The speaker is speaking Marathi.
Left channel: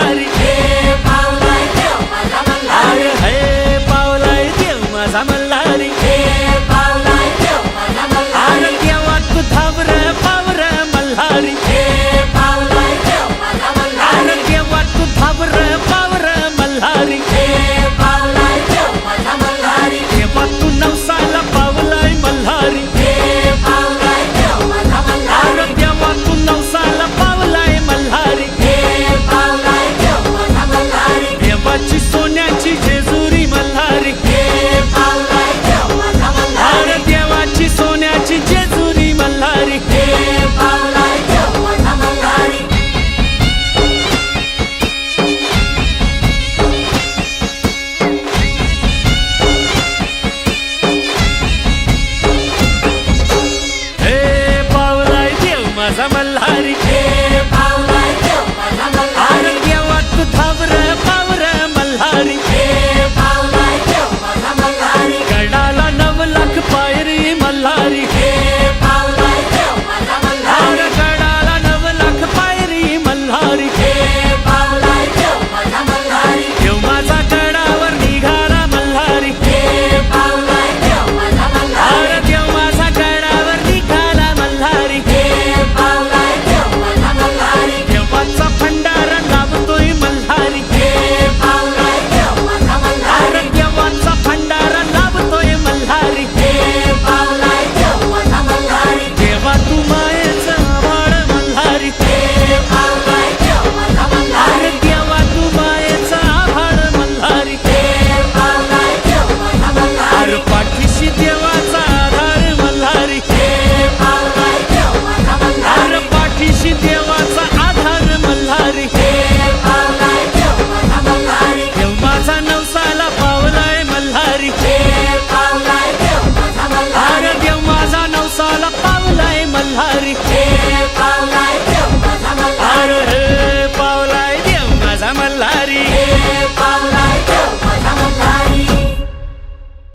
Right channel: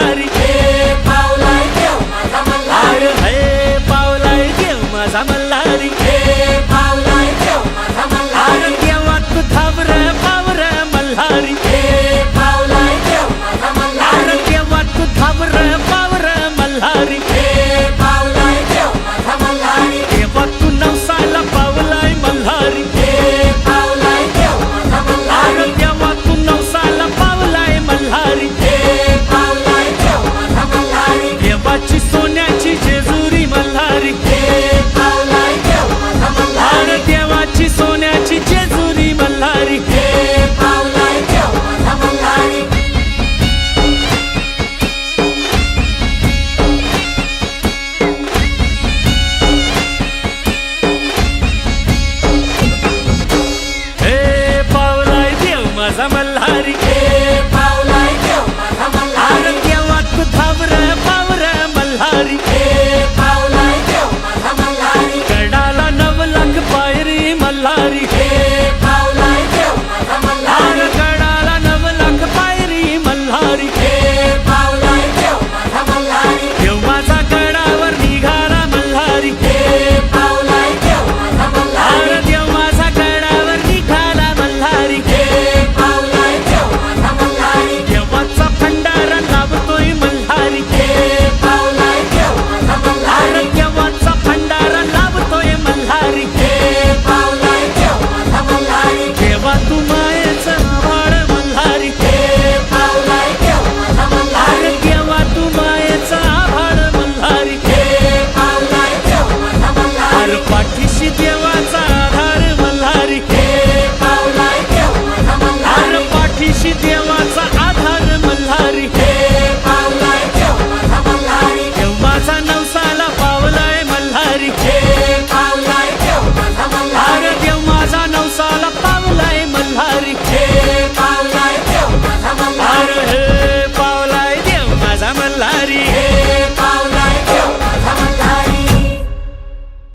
मल्हारी. अरे हे पावलाय देव माझा मल्हारी. अरे देवा तू धावर पावर मल्हारी. अरे देवा तू धावर पावर मल्हारी. देवा तू नवसाला पावलाय मल्हारी. अरे देवा तू नवसाला देवाची सोन्याची जेजुरी मल्हारी. भारत देवाची सोन्याची जेजुरी मल्हारी. हे पावलाय देव माझा मल्हारी. पायरी मल्हारी. अरे गडाला नव लाख पायरी मल्हारी. तर पाठीशी देवाचा आधार मल्हारी. आर पाठीशी देवाचा आधार मल्हारी. देव माझा नवसाला पावलाय मल्हारी. आर देव माझा नवसाला पावलाय मल्हारी. आर हे पावलाय देव माझा मल्हारी.